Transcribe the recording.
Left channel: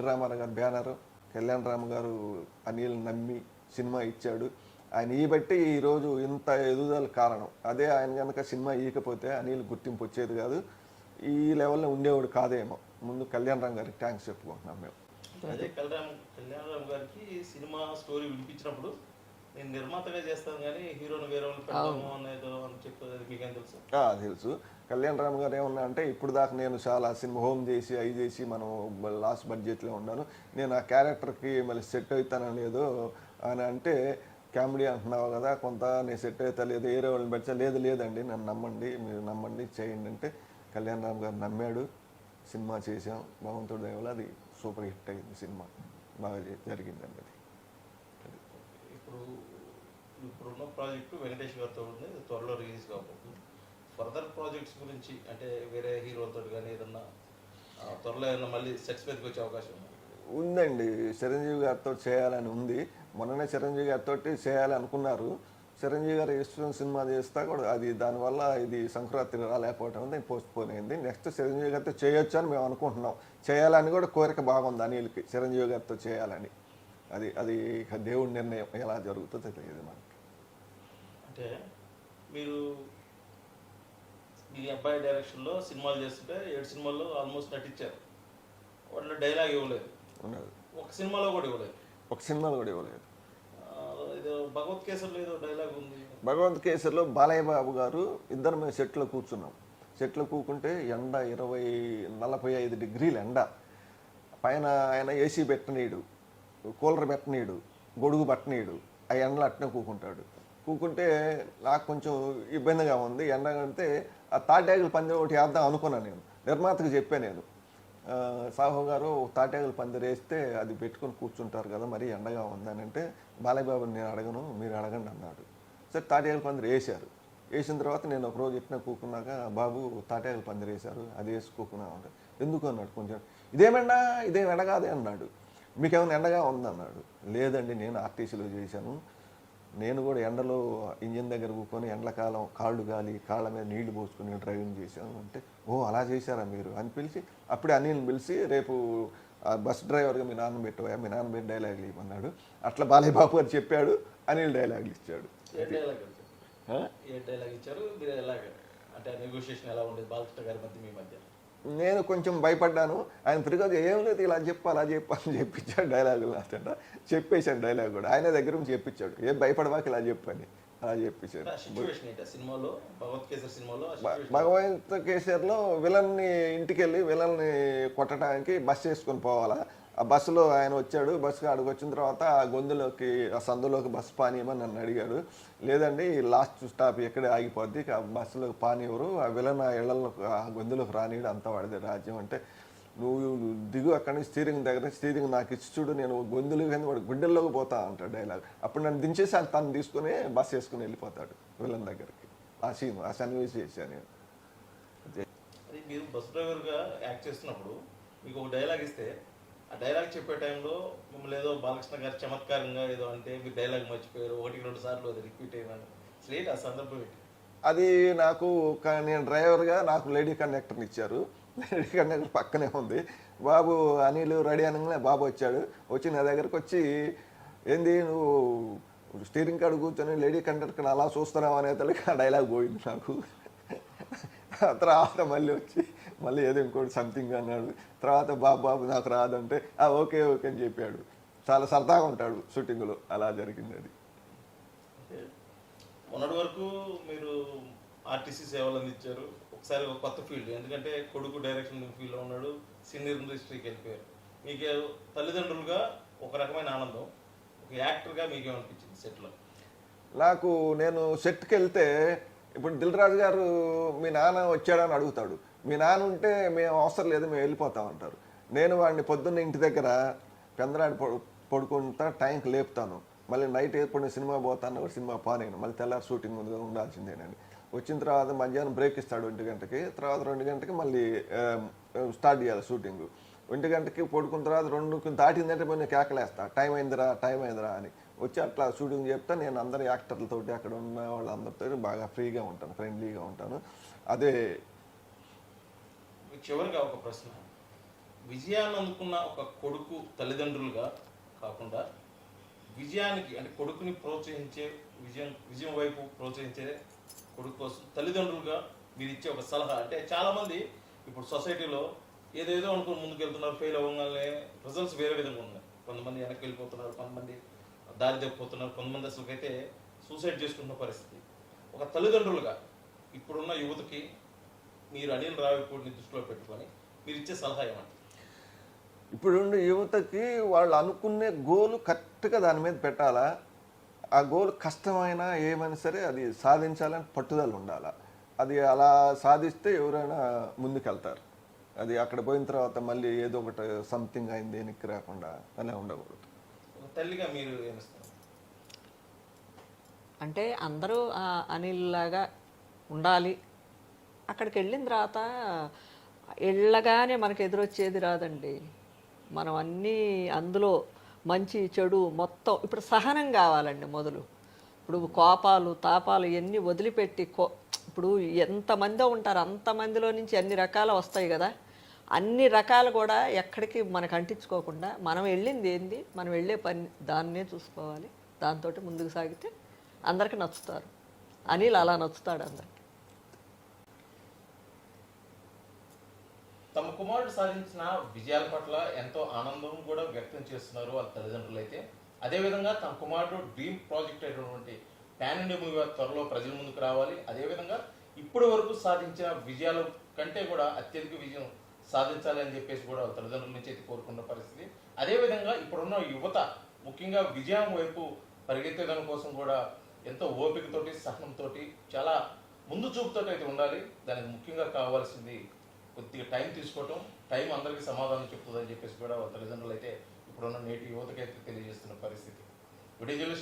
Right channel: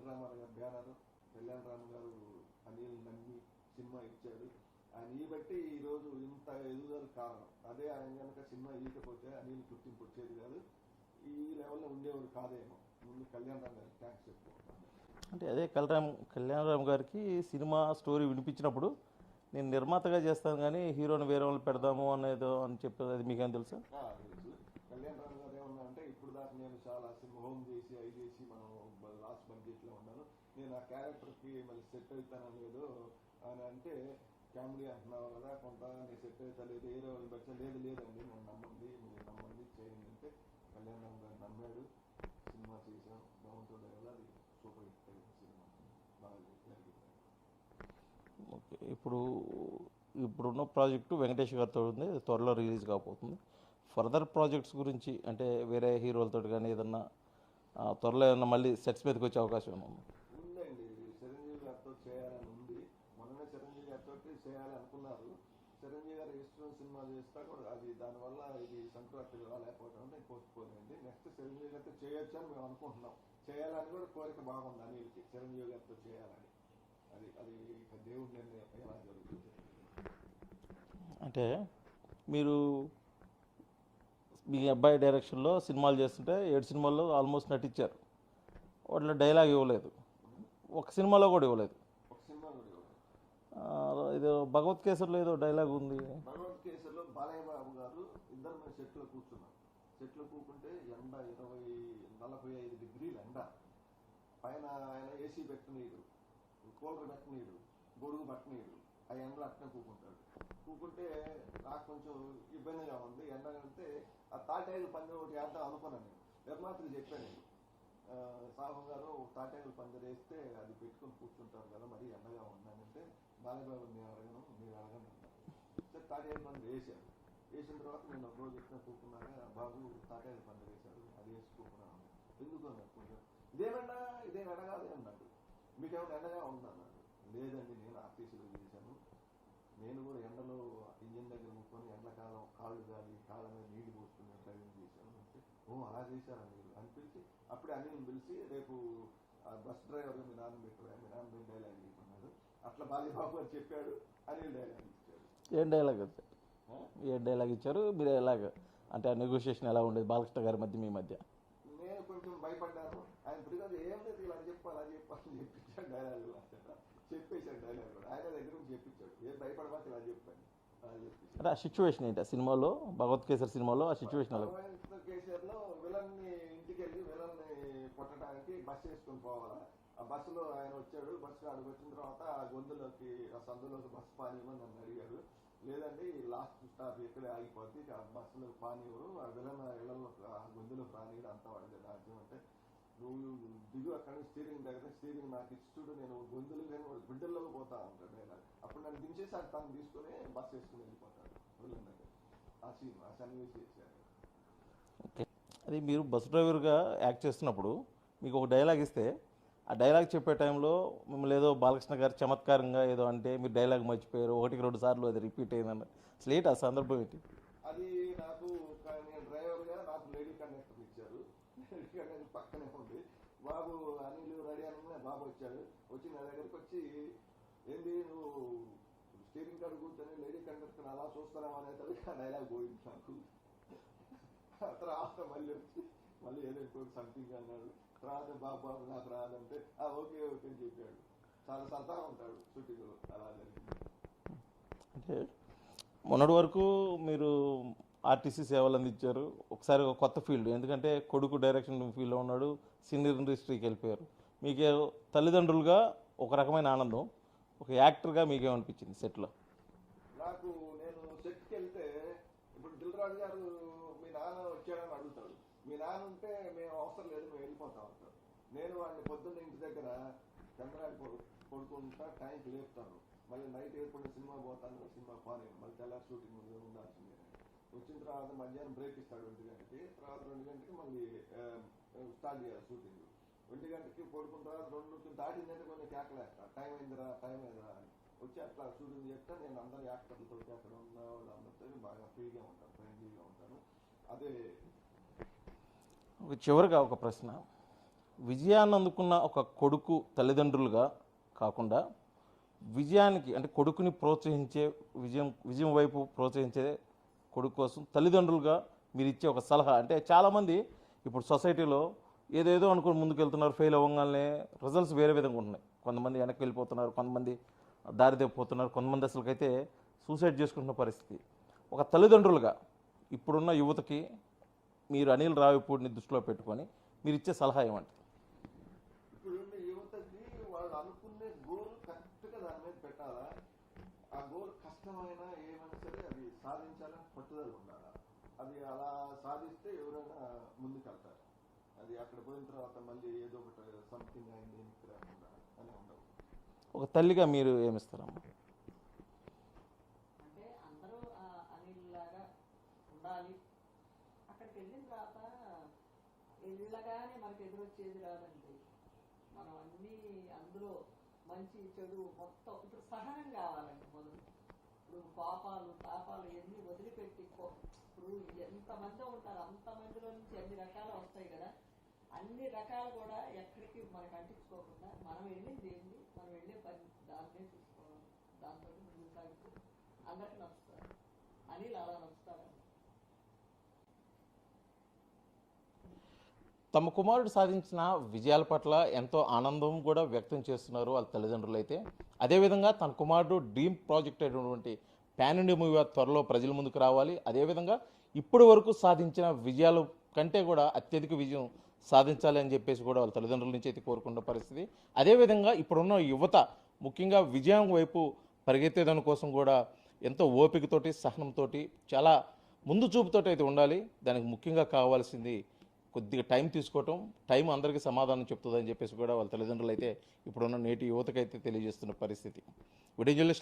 NT Ramarao గారు banner, Kalyan Ram గారు అనిల్ నమ్మి సినిమా ఇచ్చాడు. ఆయన ఈ బట్టి ఈరోజు ఇంత ఎదుగుదల కారణం. అదే ఆయన కనుక సినిమా ఇవ్వకపోతే అనిల్ గుర్తింపు వచ్చేది కాదు, ఈ లెవెల్లో ఉండేవాడు కాదేమో. ముందు కళ్యాణ్ రామ్ గారికి థ్యాంక్స్ చెప్పుకుంటున్నాం మేము. అదే కళ్యాణ్ రామ్ గారికి సినిమా స్టోరీ వినిపించినప్పుడు నేను నిర్మాతగా చేస్తాను కానీ హీరోని వేరే వాళ్ళు పెడదాము అనేది అని చెప్పేది మీకేం తెలుసు? తెలుసు. కళ్యాణ్ రామ్ గారు ఏమన్నా అంటే ఇప్పుడు దాకా నేను చాలా సినిమా హోమ్ చేసి అవి చేసి మనం లాస్ట్ బడ్జెట్లో ఉన్నాను, నేను ఆ క్యారెక్టర్కి మళ్ళీ సెట్ అవుతానో లేదో అని అంటే, కామెడీ అంటున్నావు కదా కొంత నేను సెట్ అవుతా లేదు వేరే వాళ్ళని పెడితే లేదండి నన్ను నమ్మండి, మీరు నమ్మండి చేయండి అంటే కళ్యాణ్ రామ్ గారు నమ్మాడు. సినిమా చేసాం, భగవంతుడి దయ వల్ల అది సూపర్ హిట్ అయింది, సినిమా బాగా జరిగిందండి. అది ఇప్పుడున్న ప్రాజెక్టు వెంకటేష్ గారితో ఉంది, త్వరలో రిలీజ్ కాబోతుంది. ఫర్దర్ ప్రాజెక్ట్స్ గురించి అంటే వేరే హీరోలతో కానీ ఏదన్నా త్వరలో ఏమన్నా మళ్ళీ సెట్స్ మీదకి వచ్చే అవకాశం ఉందండి. చిరంజీవి గారితో చేయాలని ఉంది. మొన్ననే చిరంజీవి గారితో చేయాలనుకున్నారు. చిరంజీవి గారు ఇష్టం సినిమా చేస్తా కూడా అది దానివల్ల ఇది సంక్రాంతి రాలేకపోవటం వల్ల పోస్ట్ పోన్ అయింది. నెక్స్ట్ చిరంజీవి గారితో చేయొచ్చు అని మేము అనుకుంటున్నాం. చేయాలని కూడా కోరిక బాగుంది అనిల్కి, చిరంజీవి గారితో చేయాలని. అది దేవుడి నిర్ణయం, ఎలా జరుగుతుందో తెలియదు మనకి. అంటే మీరు మీ అబ్బాయి డైరెక్షన్లో సినిమాలు చేస్తుంటే 7 సినిమాల్లో ఆల్మోస్ట్ నటించారు, వాటిలో డైలాగ్ ఇవ్వలేదు, ఒక సినిమాలో కూడా ఇవ్వలేదు. ఇది భగవత్ కేసరిలో ఏదో డైలాగ్ ఉంది. భగవత్ కేసరిలో బాలయ్య బాబు గారు ఇద్దరు మేము సెట్లో కూర్చున్నాం. సెట్లో కూకుంటే ఎండ 45 డిగ్రీలు ఎండ, పైన ఆయన ఏసీ పెట్టనీడు, కూలర్ పెట్టనీడు, గొడుగు పట్టనీడు, ఆ ఎండలో అట్నే కూకుంటే నాకు కొంచెం ఇబ్బందిగా ఉంది. ఎండ అంటే ఆ తాటాకుల పందిరి ఒకటి వేద్దాం అనుకున్నాను. నేను నిర్మాతకు చెప్పాను, నేను సాహు గారు తాటాకుల పందిరి వేస్తే అది పెట్టుకుని కూర్చుంటారు కదా, మరి ఎండగా ఉందని అంటే బాలయ్య బాబుని నేను అడగను, మీరు అడగండి అన్నాడు. సరే తాటాకుల పందిరి వేశారు. వేసిన తర్వాత నేను ఒకరోజు ఎట్టిన కూకున్నాక, బాబు తాటాకుల పందిరి వేశారు అది వేసుకోకున్నా అంటే, ఎందుకు అన్నాడు. కొంచెం ఇదేం ఎండ కాదే అన్నాడు. మీకేమైనా ఎండగా ఉందన్నాడు. లేదండి నేను ఆర్టీసీలో చేశాను, నేను కూడా ఎండలో ఇంజిన్ దగ్గర కూర్చొని ఎండలకాలం కాళ్ళు గాలి కాళ్ళ మీద నీళ్లు పోసుకొని డ్రైవింగ్ చేశాను అంటే, ఓ అలా చేశారా మీరు అని పిలిచి, అప్పుడే అనిల్ని పిలిచి రేపు బస్ డ్రైవర్గా మీ నాన్న పెట్టవా, మీ నాన్న పెట్టి డైలాగులు ఇవ్వమన్నాడు. అట్లా బాలయ్య బాబు గారు చెప్పాడు, అనిల్ డైలాగులు ఇచ్చాడు. ఏ డైలాగ్ ఇచ్చారు మీరు? ఎలాగ అంటే నెగోషియేషన్ ఎలా ఉండేది బాలకృష్ణ గారి మధ్య మీ మధ్య? నేను కొంచెం భయపడ్డాను. ఆయన తిరిగి ఏం లేదు ఇలా చెప్పు అలా చెప్పు అని చెప్పించాడు డైలాగులు. అతట చెప్పేశాడు డైలాగ్ కూడా, ఆయన దగ్గర నుంచి చెప్పించాడు, ఏం భయపడవాక ఇలా చెప్పని అలా చెప్పించాడు. సిచ్యువేషన్ ఏంటి సినిమాలో, భగవత్ కేసరి సినిమాలో? భగవత్ కేసరిలో విలన్ని ఇంటికి వెళ్ళి విలన్ని కొట్టడానికి బస్సు వేసుకొని పోవాలా. ఆ బస్సులో ఆయన వచ్చాడు. బస్సుకి ఆడికి వచ్చిన తర్వాత ఆ గొంతులోకి ఆ సందులోకి బస్సు పానీయమని నన్ను అడిగాడు. లేదండి లాస్ట్ స్టాప్ ఎక్కడే ఆగిపోద్ది, ఆ బస్సులోకి పానీయవరు, ఆ విలన్ ఆ ఇళ్లలో ఆ గొంతులోకి రానియడు, అంతా వాడిదే రాజ్యం అంటే, నువ్వు దిగు అక్కడి నుంచి స్టీరింగ్ దగ్గర, స్టీరింగ్ నాకు ఇచ్చి చూడు, నేను గొంతులోకి వాడు గుండెల్లోకి పోతా అంటాడు డైలాగ్. అప్పుడు నన్ను దించేసి తను తీసుకుని బస్సు వేసుకుని వెళ్ళిపోతాడు విలన్ దగ్గరికి. ఆ సీన్ ఆ సన్నివేశం చేశాను నేను. అది మీరు బస్ డ్రైవర్గా యాక్ట్ చేస్తున్నప్పుడు మీకు ఒక డైలాగ్ ఇస్తే ఆ డైలాగ్ చెప్పే టైంలో మిమ్మల్ని ఏదో బాలకృష్ణ గారు చమత్కారంగా ఏదో అంటే మీరు డైలాగ్ మర్చిపోయారు, 1-2 సార్లు అది రిపీట్ అయినాను, స్లేట్ ఆ సందర్భం ఏంటి? అది నాకు నేను డ్రైవర్గా నాకు లేడీ కండక్టర్ని ఇచ్చారు. లేడీ కండక్టర్ పక్కనే ఉంది. బాబు అనిల్ రెడీ అనగానే బాబు వచ్చాడు. వచ్చి నా దగ్గరకు వచ్చి, ఏంది నువ్వు స్టీరింగ్ కాడ కూర్చొని లేడీ కండక్టర్ అలా చూస్తున్నావు అనేతలకి ఆ డైలాగ్ పోయింది నాకు. తర్వాత మళ్ళీ వచ్చి మళ్ళీ ఏదో ఇంకోటి సంథింగ్ అన్నాడు. తర్వాత బాబు నాకు రాదంటే ఓకే అని చెప్పాడు. చాలా సరదాగా ఉంటాడు షూటింగ్లో. అలా జరిగింది అది. మొన్నటి వరకు మీరు ఆర్టీసీ సేవలు అందించారు. ఒకసారి ఒక కొత్త ఫీల్డ్, ఎందుకంటే కొడుకు డైరెక్షన్ ఫీల్డ్లో ఉన్నాడు, సీనియర్ ఇండస్ట్రీకి వెళ్ళిపోయారు. మీకే తల్లిదండ్రులుగా ఒక రకమైన ఆనందం, ఒక యాక్టర్గా మీకేమనిపించింది సెట్లో? నేను సెట్కి వెళ్తే ఇప్పుడు దిల్ రాజు గారు మీ నాన్న వచ్చాడని అడుగుతాడు. మీ నాన్న ఉంటే మేము అవసరం లేదు మేము వెళ్ళిపోతాం అంటారు. నేను వాడిని పొద్దున్న ఇంటి దగ్గర పెందరాడి పడుకుంటా టైంకి లేపుతాను. మళ్ళీ నైట్ ఎప్పుడు సినిమా పోతాను, సినిమా పానేను, మళ్ళీ తెల్లారి షూటింగ్ ముందుగా ఉండాల్సిందేనండి. వచ్చిన తర్వాత మధ్యాహ్నం బ్రేక్ ఇస్తాడు 1 గంటకి, తర్వాత 2 గంటకి మళ్ళీ స్టార్ట్ చేయాలి షూటింగ్. 1 గంటకి పడుకున్న తర్వాత 2 దాటిందంటే నేను కేకలేస్తా, టైం అయిందిరా అని. వచ్చి అట్లా షూటింగ్ చెప్తా. నేను అందరు యాక్టర్లతోటి అక్కడ ఉన్న వాళ్ళందరితో బాగా ఫ్రీగా ఉంటాను, ఫ్రెండ్లీగా ఉంటాను. అదే. చివరిగా ఒక ప్రశ్న, విజయాన్ని అందుకున్న ఒక కొడుకు తల్లిదండ్రులుగా కాకుండా విజయానికి అంటే కొడుకుని ప్రోత్సహించే విజయం వైపు ప్రోత్సహించే కొడుకు కోసం తల్లిదండ్రులుగా మీరు ఇచ్చే ఒక సలహా అంటే చాలామంది ఇప్పుడు సొసైటీలో ఏదేదో అనుకుని ముందుకు వెళ్తున్నారు, ఫెయిల్ అవ్వగానే రిజల్ట్స్ వేరే విధంగా ఉన్నాయి. కొంతమంది వెనక్కి వెళ్ళిపోతున్నారు, కొంతమంది దారి తప్పిపోతున్నారు, కొంతమంది అసలుకైతే సూసైడ్ చేసుకుంటున్న పరిస్థితి. ఒక తల్లిదండ్రులుగా ఇప్పుడున్న యువతకి మీరు అనిల్ రావిపూడిని దృష్టిలో పెట్టుకొని మీరు ఇచ్చే సలహా ఏమంటే? ఇప్పుడున్న యువతకి వాళ్ళు అనుకునే గోలు కరెక్ట్గా దాని మీద పెట్టాలా. ఆ గోల్ కష్టమైనా ఏమైనా సరే అది సాధించాలని పట్టుదల ఉండాలా. అది అలా సాధిస్తే ఎవరైనా ముందుకెళ్తారు. అది అక్కడ పోయిన తర్వాత మళ్ళీ ఏదో ఒకటి సంథింగ్ అయింది వెనక్కి రాకుండా అలా ఉండకూడదు. ఒక తల్లిగా మీరు ఏమిస్తారు? అంటే అందరూ అనిల్ లాగా ఉండాలి. అక్కడికి వెళ్ళిన తర్వాత వెళ్ళగానే మనకు ఎదురొచ్చేది రాదండి. మనం అన్నీ అందులో మంచి చెడు మొత్తం ఇప్పుడు సహనం కావాలండి మొదలు. ఇప్పుడు కోపాలు తాపాలు ఇవన్నీ వదిలిపెట్టి ఇప్పుడు ఎంతమందో ఉంటారు, అంతమందిలో నుంచి అన్ని రకాలు వస్తాయి కదా. అన్ని రకాలు కూడా ఎక్కడికి మనకు అంటించుకోకుండా మనం వెళ్ళింది ఏంది, మనం వెళ్ళే పని దాన్నే చూసుకోవాలి. దాంతో ముందుకు సాగితే అందరికి నచ్చుతారు. అనిల్ అలా నచ్చుతాడు అందరికి. తమ కుమారుడు సాధించిన విజయాల పట్ల ఎంతో ఆనందం కూడా వ్యక్తం చేస్తున్నారు ఆ తల్లిదండ్రులు అయితే. అదేవిధంగా తన కుమారుడు డ్రీమ్ ప్రాజెక్ట్ అయినటువంటి పాన్ ఇండియా మూవీ త్వరలో ప్రజల ముందుకు రావాలి. అదేవిధంగా ఇప్పటి వరకు సాధించిన విజయాల కంటే కూడా అత్యధిక విజయం సాధించాలి అని చెప్పేసి కూడా వాళ్ళ తల్లిదండ్రుల నుంచి అయితే కోరుకున్న పరిస్థితి. అదేవిధంగా ఇప్పుడున్న యువత ముఖ్యంగా విజయం వైపు పరిగెత్తేదాని కోసం కూడా ఎంతో ఓపికతోటి సహనంతో చాలా ముందు చూపుతోటి అయితే ఉండాలి. దానికి ముఖ్యంగా కావాల్సింది కొద్దిగా టైం తీసుకోవటం. టైం అందరికీ సమాధానం చెప్తుందని చెప్పేసి కూడా వాళ్ళ తల్లిదండ్రులు అయితే ఇప్పుడున్న నేటి యువతకైతే తెలియజేస్తున్న పరిస్థితి. విడిజులిస్ట్